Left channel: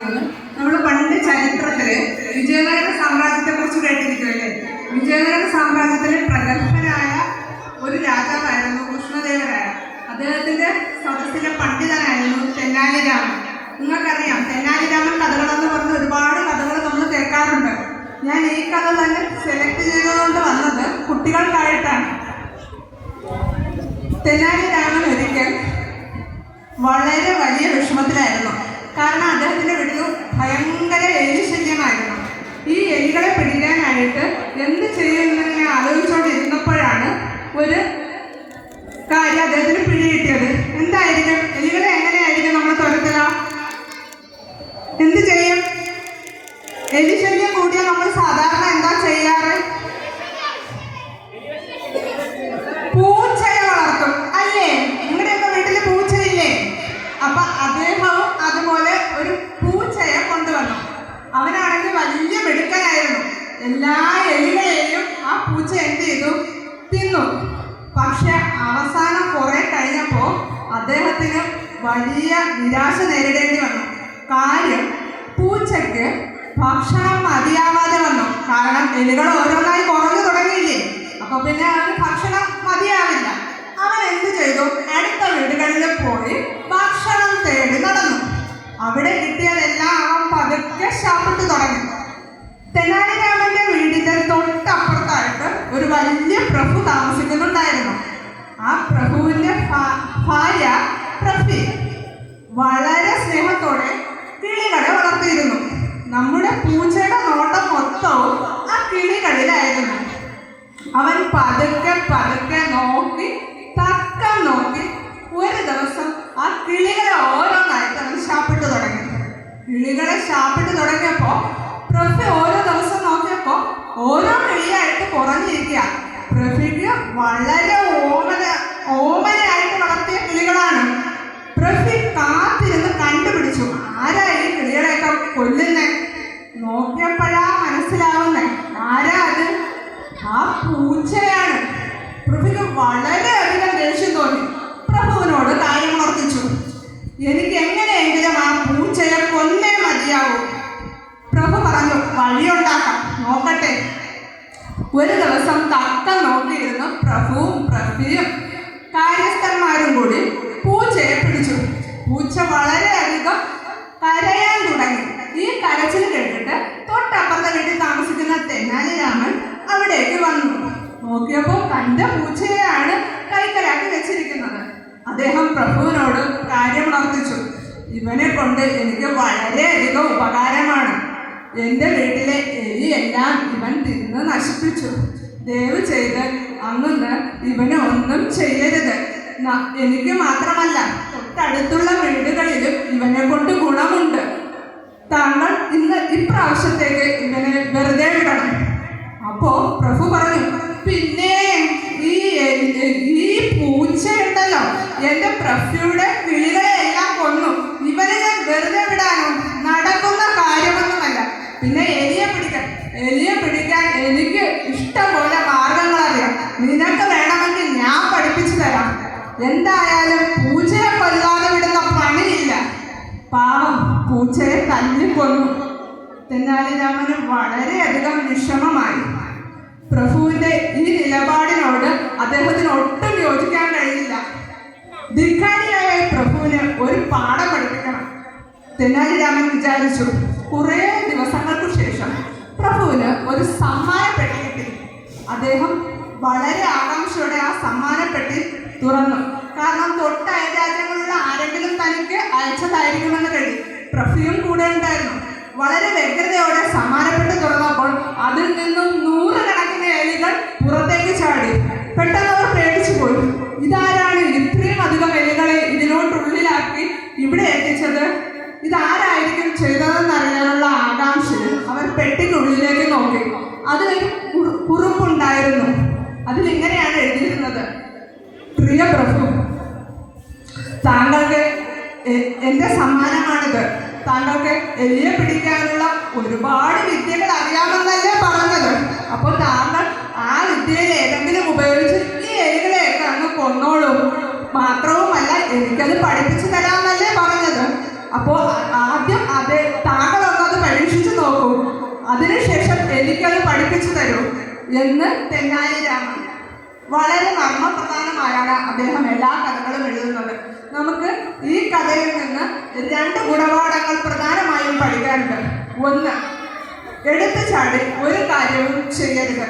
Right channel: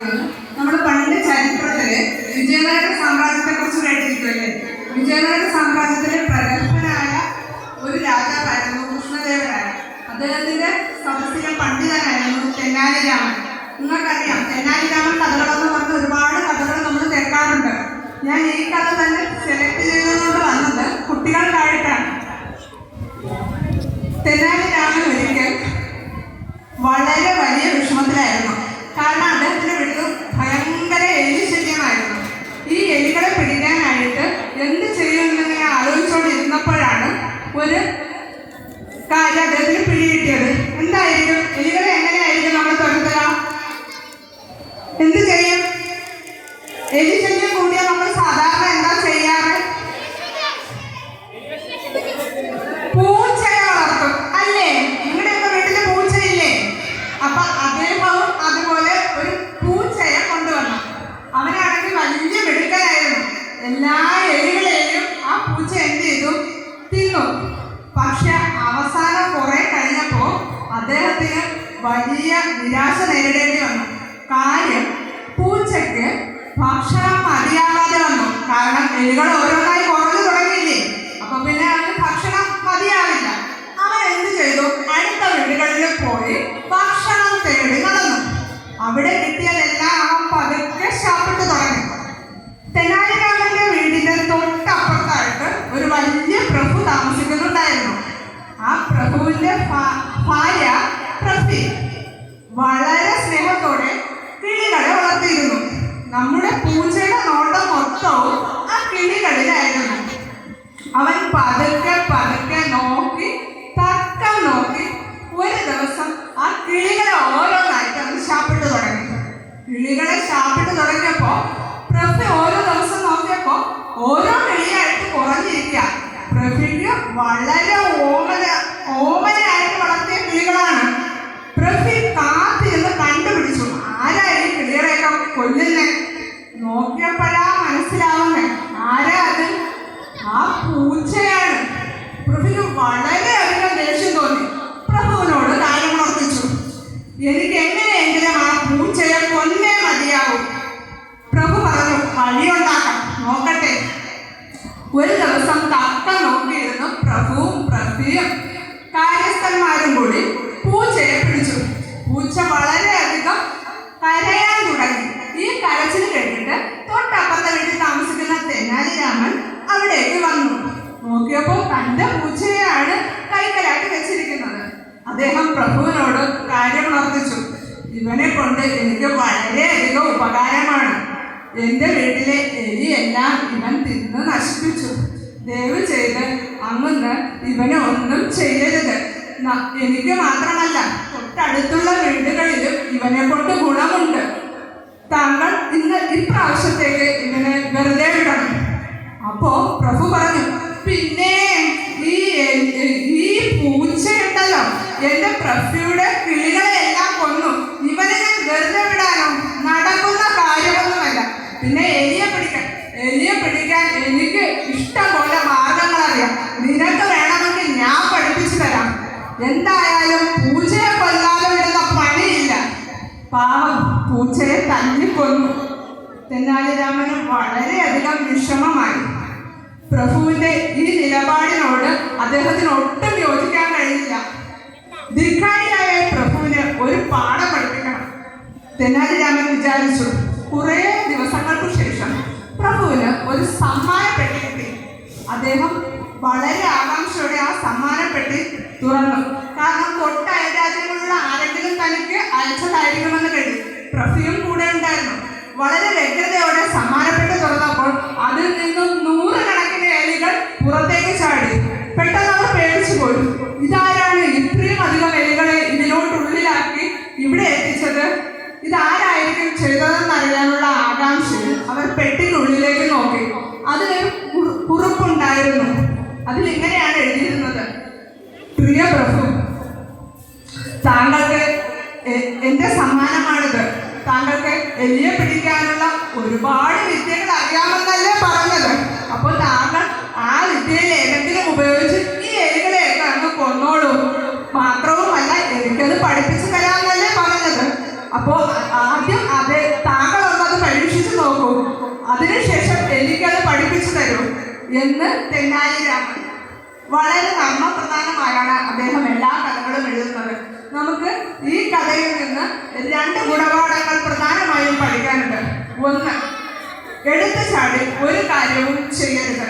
നമ്മൾ പണ്ട് ചരിത്രത്തില് വിജയനഗര സാമ്രാജ്യത്തെ കുറിച്ച് കേട്ടിരിക്കുമല്ലേ? വിജയനഗര സാമ്രാജ്യത്തിലെ പ്രഗത്ഭനായ ഒരു രാജാവായിരുന്നു കൃഷ്ണദേവരായ. അദ്ദേഹത്തിന്റെ സദസ്സിലെ പണ്ഡിതനായിരുന്നു തെന്നാലി രാമൻ. നിങ്ങൾക്കറിയാം, തെന്നാലി രാമൻ കഥകളെന്ന് പറഞ്ഞ് ഒരുപാട് കഥകൾ നമ്മൾ കേൾക്കാറുണ്ട്. ഞാൻ ഈ കഥ തന്നെ സെലക്ട് ചെയ്തുകൊണ്ട് വന്നത് കുട്ടികൾക്കായിട്ടാണ്. തെന്നാലി രാമൻ ഒരിക്കൽ വളരെ വലിയ വിഷമത്തിലായിരുന്നു. കാരണം അദ്ദേഹത്തിന്റെ വീട്ടിൽ ഭയങ്കര എലി ശല്യമായിരുന്നു. ഈ എലികളെ പിടിക്കാനായിട്ട് എന്ത് ചെയ്യുമെന്ന് ഞാൻ ആലോചിച്ചുകൊണ്ടിരുന്നപ്പോഴാണ് ഒരു കാര്യം അദ്ദേഹത്തിന് പിടികിട്ടിയത്. എന്തായിരിക്കും? എലികളെ എങ്ങനെയായിരിക്കും നമ്മൾ തുരത്തുക? എന്ത് ചെയ്യും? എലി ശല്യം കൂടിയാൽ നമ്മൾ സാധാരണ എന്താ ചെയ്യാറ്? പൂച്ചയെ വളർത്തും, അല്ലേ? നിങ്ങളുടെയൊക്കെ വീട്ടില് പൂച്ചയില്ലേ? അപ്പൊ അദ്ദേഹവും അതുപോലെ ഒരു പൂച്ചയെ കൊണ്ടുവന്നു. അവനാണെങ്കിൽ വലിയ മിടുക്കനായിരുന്നു. എല്ലാ എലികളെയും ആ പൂച്ച എന്ത് ചെയ്തു? തിന്നു. പക്ഷെ അവസാനം കുറെ കഴിഞ്ഞപ്പോ അദ്ദേഹത്തിന് വലിയ നിരാശ നേരിടേണ്ടി വന്നു. കാര്യം, പൂച്ചയ്ക്ക് ഭക്ഷണം മതിയാവാതെ വന്നു. കാരണം എലികൾ ഓരോന്നായി കുറഞ്ഞു തുടങ്ങിയില്ലേ? അപ്പൊ പിന്നെ അവന് ഭക്ഷണം മതിയാവില്ല. അവൻ എന്ത് ചെയ്തു? അടുത്ത വീടുകളിൽ പോയി ഭക്ഷണം തേടി നടന്നു. അവിടെ കിട്ടിയതെല്ലാം അവൻ പതുക്കെ ശാപ്പിട്ട് തുടങ്ങി. തെനാലി രാമന്റെ വീടിന്റെ തൊട്ടപ്പുറത്തായിട്ട് ഒരു വലിയ പ്രഭു താമസിക്കുന്നുണ്ടായിരുന്നു. ആ പ്രഭുവിന്റെ ഭാര്യ പ്രഭി വളരെ സ്നേഹത്തോടെ കിളികളെ വളർത്തിയിരുന്നു. നമ്മുടെ പൂച്ചയുടെ നോട്ടം മൊത്തവും ആ കിളികളിലായിരുന്നു. അവൻ പതുക്കെ പതുക്കെ നോക്കി തക്കം നോക്കി ഒരു ദിവസം ആ കിളികളെ ഓരോന്നായിട്ട് അവൻ ശാപ്പിട്ട് തുടങ്ങി. കിളികളെ ശാപ്പിട്ട് തുടങ്ങിയപ്പോ പ്രഭു ഓരോ ദിവസം നോക്കിയപ്പോ ഓരോ കിളിയായിട്ട് കുറഞ്ഞിരിക്കുക. പ്രഭുക്ക് വളരെ ഓമനയായിട്ട് വളർത്തിയ കിളികളാണ്. പ്രഭു കാത്തിരുന്ന് കണ്ടുപിടിച്ചു ആരാ ഈ കിളികളെയൊക്കെ കൊല്ലുന്നേ. നോക്കിയപ്പോഴാ മനസ്സിലാവുന്നേ ആരാ അത്? ആ പൂച്ചയാണ്. പ്രഭുക്ക് വളരെയധികം ദേഷ്യം തോന്നി. പ്രഭുവിനോട് കാര്യം ഓർമ്മിച്ചു. എനിക്ക് എങ്ങനെയെങ്കിലും ആ പൂച്ചയെ കൊന്നേ മതിയാവും. പ്രഭു പറഞ്ഞു, വഴിയുണ്ടാക്കാം, നോക്കട്ടെ. ഒരു ദിവസം തക്ക നോക്കിയിരുന്ന പ്രഭുവും പ്രഭുവും കാര്യസ്ഥന്മാരും കൂടി പൂച്ചയെ പിടിച്ചു. പൂച്ച വളരെയധികം കരയാൻ തുടങ്ങി. ഈ കരച്ചിൽ കേട്ടിട്ട് തൊട്ടപ്പുറത്തെ വീട്ടിൽ താമസിക്കുന്ന തെനാലി രാമൻ അവിടേക്ക് വന്നു. നോക്കിയപ്പോൾ തന്റെ പൂച്ചയെയാണ് കൈക്കലാക്കി വെച്ചിരിക്കുന്നത്. അദ്ദേഹം പ്രഭുവിനോട് കാര്യം ഉണർത്തിച്ചു. ഇവനെ കൊണ്ട് എനിക്ക് വളരെയധികം ഉപകാരമാണ്. എന്റെ വീട്ടിലെ എലിയെല്ലാം ഇവൻ തിന്ന് നശിപ്പിച്ചു. ദയവ് ചെയ്ത് അങ്ങ് ഇവന് ഒന്നും ചെയ്യരുത്. എനിക്ക് മാത്രമല്ല, തൊട്ടടുത്തുള്ള വീടുകളിലും ഇവനെ കൊണ്ട് ഗുണമുണ്ട്. താങ്കൾ ഇപ്രാവശ്യത്തേക്ക് ഇവനെ വെറുതെ വിടണം. അപ്പോ പ്രഭു പറഞ്ഞു, പിന്നെ ഈ പൂച്ചയുണ്ടല്ലോ, എന്റെ പ്രഭുയുടെ കിളികളെ എല്ലാം കൊന്നു. ഇവനെ ഞാൻ വെറുതെ വിടാനോ? നടക്കുന്ന കാര്യമൊന്നുമല്ല. പിന്നെ എലിയെ പിടിക്കാൻ എനിക്ക് ഇഷ്ടം പോലെ മാർഗങ്ങൾ അറിയാം. നിനക്ക് വേണമെങ്കിൽ ഞാൻ പഠിപ്പിച്ചു തരാം. എന്തായാലും പൂച്ചയെ കൊല്ലാതെ വിടുന്ന പണിയില്ല. പാവം പൂച്ചയെ തല്ലിക്കൊന്നു. തെനാലി രാമന് വളരെയധികം വിഷമമായി. പ്രഭുവിന്റെ ഈ നിലപാടിനോട് അദ്ദേഹത്തിന് ഒട്ടും യോജിക്കാൻ കഴിയില്ല. ധിക്കാരിയായ പ്രഭുവിന് ഒരു പാഠം പഠിപ്പിക്കണം. തെനാലി രാമൻ വിചാരിച്ചു. കുറേ ദിവസങ്ങൾക്ക് ശേഷം പ്രഭുവിന് ഒരു സമ്മാനപ്പെട്ടി കിട്ടി. അദ്ദേഹം വളരെ ആകാംക്ഷയോടെ ആ സമ്മാനപ്പെട്ടി തുറന്നു. കാരണം തൊട്ട അയൽരാജ്യങ്ങളിലുള്ള ആരെങ്കിലും തനിക്ക് അയച്ചതായിരിക്കുമെന്ന് കരുതി. പ്രഭുവും കൂടെ ഉണ്ടായിരുന്നു. വളരെ വ്യഗ്രതയോടെ സമ്മാനപ്പെട്ടി തുറന്നപ്പോൾ അതിൽ നിന്നും 100 കണക്കിന് എലികൾ പുറത്തേക്ക് ചാടി. പെട്ടെന്ന് അവർ പേടിച്ചു പോയി. ഇതാരാണ് ഇത്രയും അധികം എലികളെ ഇതിലോട്ടുള്ളിലാക്കി ഇവിടെ എത്തിച്ചത്? ഇതാരായിരിക്കും ചെയ്തതെന്നറിയാനുള്ള ആകാംക്ഷയിൽ അവർ പെട്ടിക്കുള്ളിലേക്ക് നോക്കി. അതിലൊരു കുറിപ്പുണ്ടായിരുന്നു. അതിലിങ്ങനെയാണ് എഴുതിയിരുന്നത്: പ്രിയ പ്രഭു, താങ്കൾക്ക് എന്റെ സമ്മാനമാണിത്. താങ്കൾക്ക് എലിയെ പിടിക്കാനുള്ള ഒരുപാട് വിദ്യകൾ അറിയാമെന്നല്ലേ പറഞ്ഞത്? അപ്പോൾ താങ്കൾ ആ വിദ്യയിൽ ഏതെങ്കിലും ഉപയോഗിച്ച് ഈ എലികളെയൊക്കെ അങ്ങ് കൊന്നോളൂ. മാത്രവുമല്ല, എനിക്കത് പഠിപ്പിച്ചു തരാമെന്നല്ലേ പറഞ്ഞത്? അപ്പോൾ ആദ്യം അത് എന്ന് തെന്നാലിരാമൻ. വളരെ മർമ്മപ്രധാനമായാണ് അദ്ദേഹം എല്ലാ കഥകളും എഴുതുന്നത്. നമുക്ക് ഈ കഥയിൽ നിന്ന് 2 ഗുണപാഠങ്ങൾ പ്രധാനമായും പഠിക്കാനുണ്ട്. ഒന്ന്, എടുത്തു ചാടി ഒരു കാര്യവും ചെയ്യരുത്.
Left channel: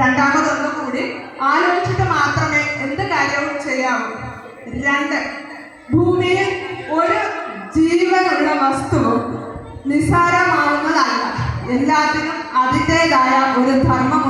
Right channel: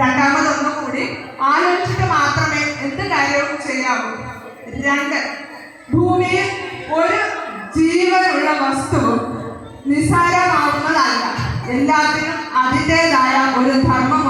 രണ്ടാമതൊന്നും കൂടി ആലോചിച്ചിട്ട് മാത്രമേ എന്ത് കാര്യവും ചെയ്യാവൂ. 2, ഭൂമിയിൽ ഒരു ജീവനുള്ള വസ്തുവും നിസ്സാരമാവുന്നതല്ല. എല്ലാത്തിനും അതിൻ്റെതായ ഒരു ധർമ്മം